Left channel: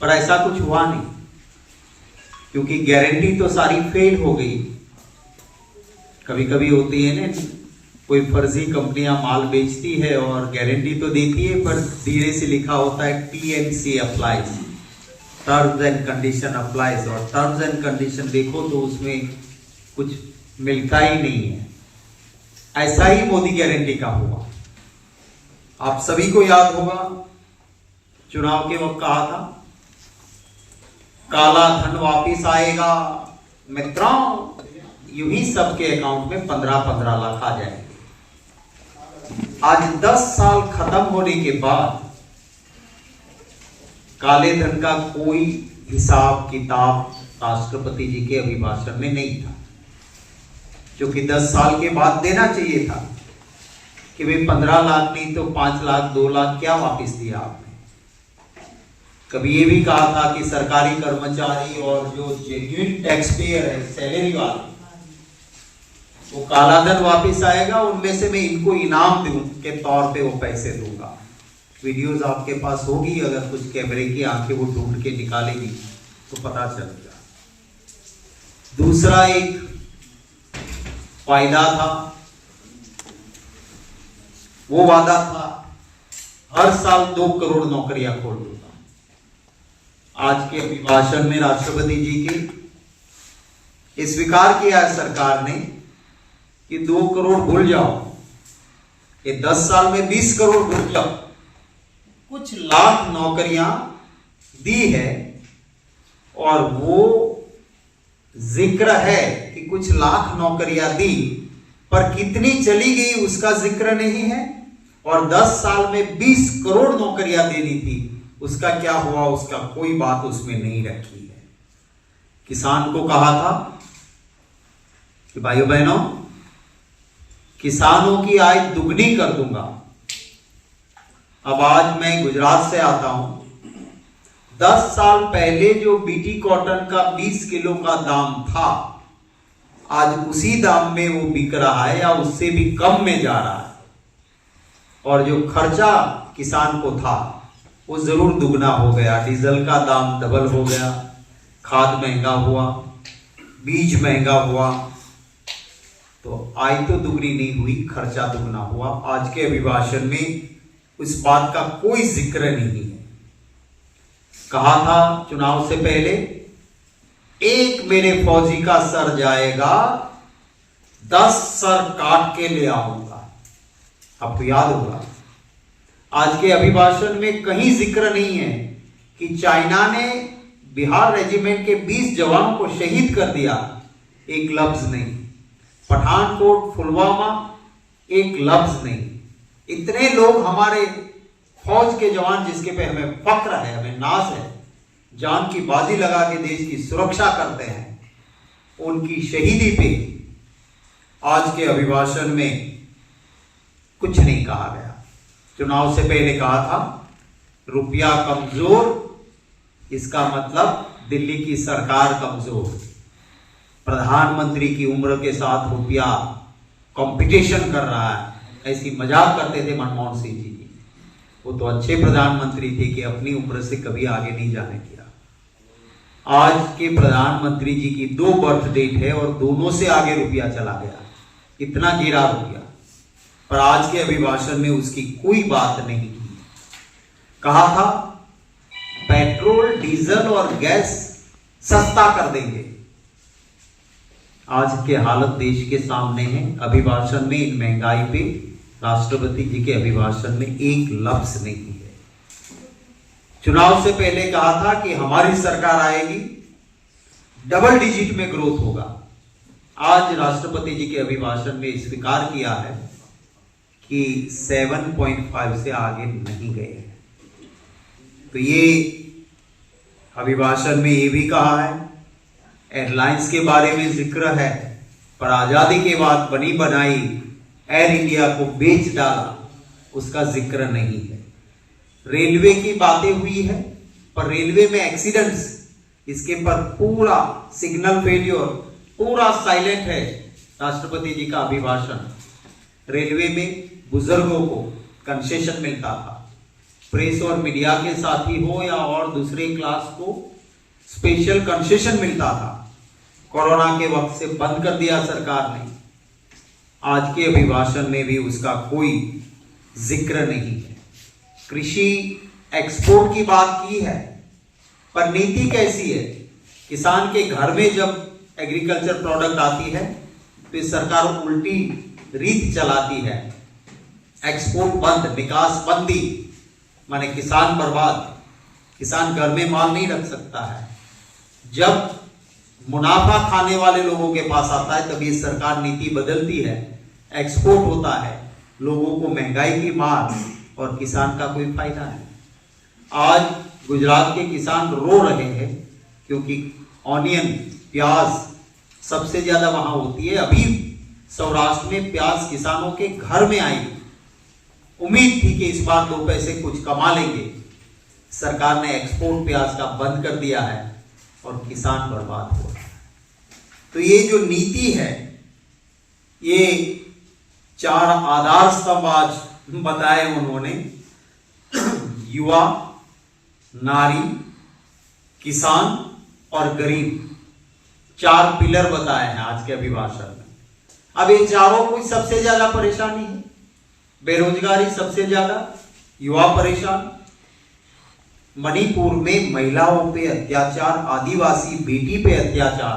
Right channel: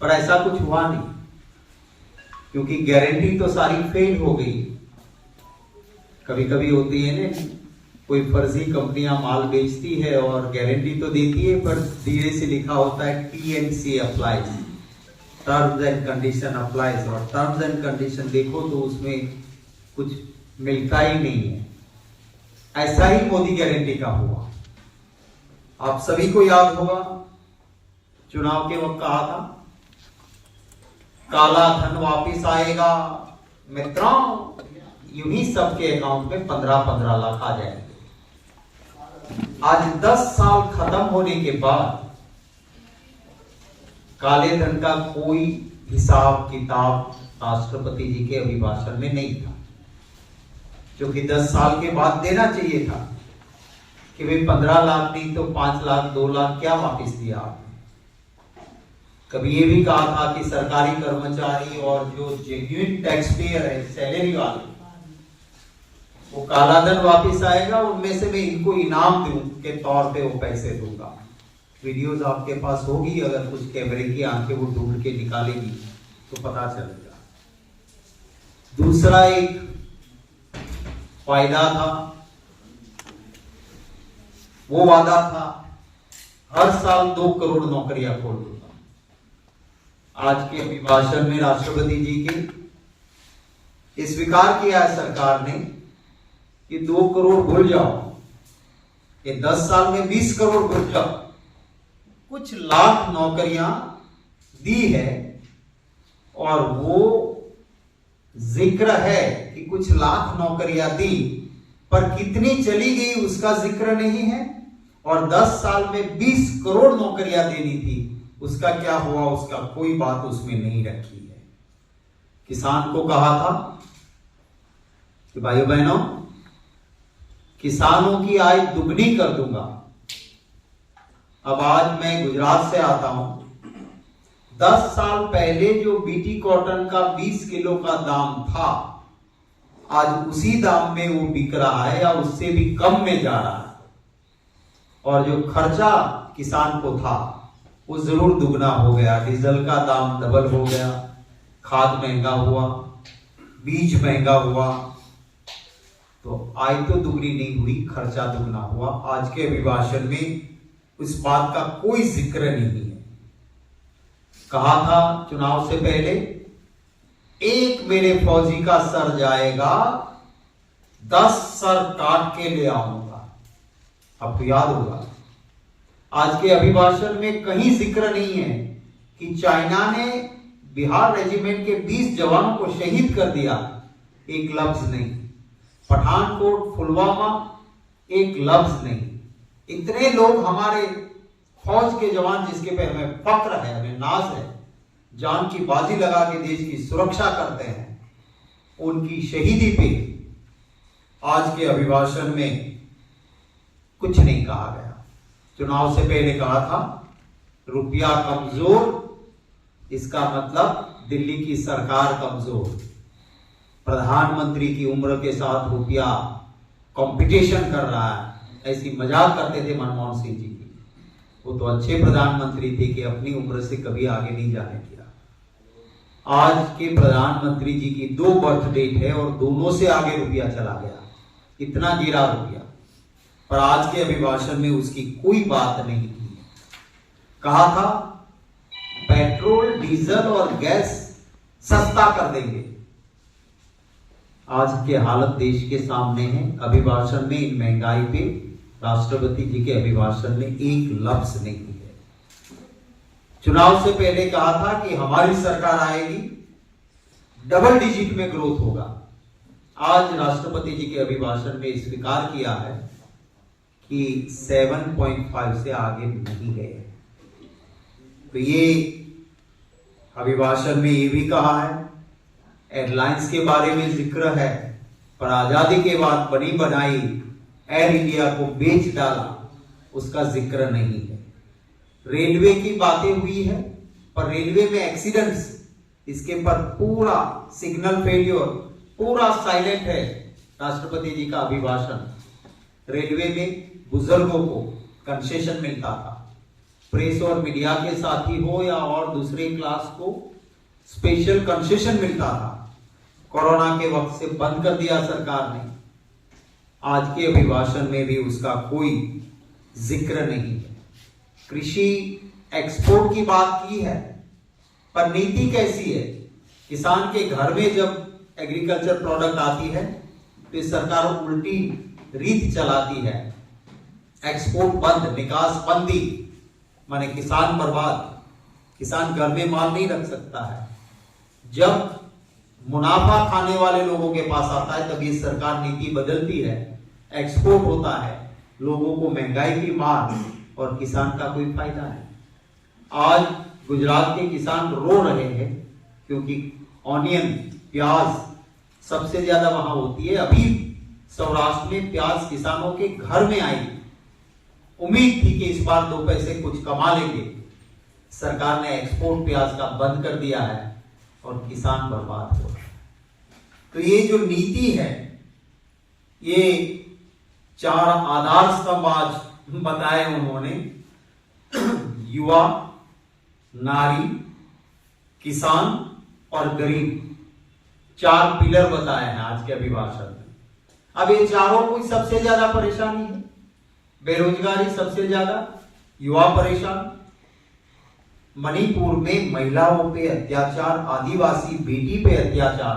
पर ऐसा कुछ हुआ नहीं, क्योंकि गारंटी तो सारी फेल हो गई। कभी कभी होती है ना, कोई फर्जी कंपनियां माल बेचती है और गारंटी तो देती है, पर धीरे से लिखा होता है TNC applies, terms and condition applies, और टर्म्स एंड कंडीशन देखो तो उसमें कुछ मिलता ही नहीं है। ऐसा ही मोदी गारंटी का हुआ। आप सभी को याद होगा, चुनाव के वक्त कहा था काला धन वापिस आएगा मित्रों, यूं ही सबके अकाउंट में 15-15 लाख आ जाएंगे। आज 10 साल खत्म होने के बाद काले धन का कोई हिसाब किताब राष्ट्रपति जी के अभिभाषण में नहीं था, जो कि 10 साल के बाद देना चाहिए था कि भाई 15 लाख नहीं तो 5 लाख 2 लाख क्या वापस दिया आपने। कभी ये भी कहा था कि सरकारी कर्मचारी और जो जेन्युइन टैक्स पेयर है, सैलरी वाले, वो काला धन वापस आएगा, उनमें से मैं इनको इनाम दूं के तौर पे वो पैसे दूंगा। वीडियोस आपके पास होगी, अगर कुछ कैमरे की आंखें वो ढूंढ के निकालेगी तो पता चलेगा। दूसरा एक वायदा था, वो वादा था हर साल 2 करोड़ नौकरियां खोल दूंगा। आज के अभिभाषण में राष्ट्रपति जी के स्वीकार किया है सरकार ने कि 2 करोड़ भूल जाओ, ये 10 साल में 20 करोड़ भूल जाओ। कुछ लाख नौकरियां दी है, और वो जिक्र है कि कुछ लाख नौकरियां दी, पर कितनी चली गई उसका जिक्र नहीं है। और 10 साल में 20 करोड़ नौकरियां देनी थी, उसका क्या हुआ, उसका कोई बात उसमें नहीं रखी है। किसान को कहा था कि भाइयों बहनों, किसानों की आय दुगनी कर दूंगा। अब आज मैं गुजरात से आता हूं, 10 साल पहले जो बीटी कॉटन का 20 किलो का दाम था, आज उसी दाम में वो बिक रहा है या उससे भी कम में जा रहा है। और जो खर्चा किसान को था वो जरूर दुगना हो गया। डीजल का दाम डबल हो गया, खाद महंगा हुआ, बीज महंगा हुआ, तो आय तो दुगनी नहीं हुई, खर्चा दुगना हुआ। आज के अभिभाषण में उस बात का कोई जिक्र नहीं है। कहा था चुनाव से पहले, एक मेरे फौजी का सर जाएगा, 10 सर काट के ले आऊंगा। आपको याद होगा, आज के अभिभाषण में कहीं जिक्र नहीं है कि चाइना ने बिहार रेजिमेंट के 20 जवानों को शहीद कर दिया, एक लफ्ज नहीं। पठानकोट, पुलवामा, एक लफ्ज नहीं। इतने लोग हमारे फौज के जवान जिसके पे हमें फक्र है, हमें नाज है, जान की बाजी लगा के देश की सुरक्षा करते हैं, उनकी शहीदी पे आज के अभिभाषण में कुछ नहीं कहा गया। चुनाव से पहले कहा था रुपया कमजोर, इसका मतलब दिल्ली की सरकार कमजोर। प्रधानमंत्री की उम्र के साथ रुपया कंपटीशन कर रहा है, ऐसी मजाक करते थे मनमोहन सिंह जी की। वो तो अच्छे प्रधानमंत्री थे कि अपनी उम्र से कभी आगे नहीं जाने दिया। आज के प्रधानमंत्री जी की 2 बर्थ डेट है और दोनों से आगे रुपया चला गया, इतना गिरा रुपया। पर आज के अभिभाषण में उसकी कोई बात नहीं की। कहा था पेट्रोल, डीजल और गैस सस्ता कर देंगे। आज के हालत देश के सामने है। अभिभाषण में इन महंगाई पे राष्ट्रपति जी के अभिभाषण में एक लफ्ज नहीं है। चुनाव से पहले कहा था कि हमारी सरकार आएगी, डबल डिजिट में ग्रोथ होगा। आज राष्ट्रपति जी के अभिभाषण में स्वीकार किया है कि 7.5 से आगे नहीं गए। तो ये अभिभाषण में ये भी कहा है, एयरलाइंस के बारे में जिक्र है, पर आजादी के बाद बनी बनाई एयर इंडिया को बेच डाला, उसका जिक्र नहीं है। रेलवे की बातें हुई है, पर रेलवे में एक्सीडेंट्स, इसके पर पूरा सिग्नल फेलियर, पूरा साइलेंट है राष्ट्रपति जी का अभिभाषण। रेलवे में बुजुर्गों को कंसेशन मिलता था, प्रेस और मीडिया के साथी हो या और दूसरे क्लास को स्पेशल कंसेशन मिलता था, कोरोना के वक्त से बंद कर दिया सरकार ने। आज के अभिभाषण में भी उसका कोई जिक्र नहीं है। कृषि एक्सपोर्ट की बात की है, पर नीति कैसी है? किसान के घर में जब एग्रीकल्चर प्रोडक्ट आती है तो ये सरकार उल्टी रीत चलाती है। एक्सपोर्ट बंद, निकास बंदी, माने किसान बर्बाद। किसान घर में माल नहीं रख सकता है। जब मुनाफा खाने वाले लोगों के पास आता है तब ये सरकार नीति बदलती है, एक्सपोर्ट होता है, लोगों को महंगाई की मार और किसान का कोई फायदा नहीं। आज गुजरात के किसान रो रहे हैं क्योंकि ऑनियन, प्याज सबसे ज्यादा वहां होती है। अभी सौराष्ट्र में प्याज किसानों के घर में आई। उम्मीद थी कि इस बार 2 पैसे कुछ कमा लेंगे। सरकार ने एक्सपोर्ट प्याज का बंद कर दिया है और किसान बर्बाद हो रहा है। तो ये जो नीति है, ये 4 आधार स्तंभ आज बताए उन्होंने। युवा, नारी, किसान और गरीब, 4 पिलर बताए हैं आज के अभिभाषण में। अब ये चारों को सबसे ज्यादा परेशानी है। बेरोजगारी सबसे ज्यादा, युवा परेशान, मणिपुर में महिलाओं पे अत्याचार, आदिवासी बेटी पे अत्याचार,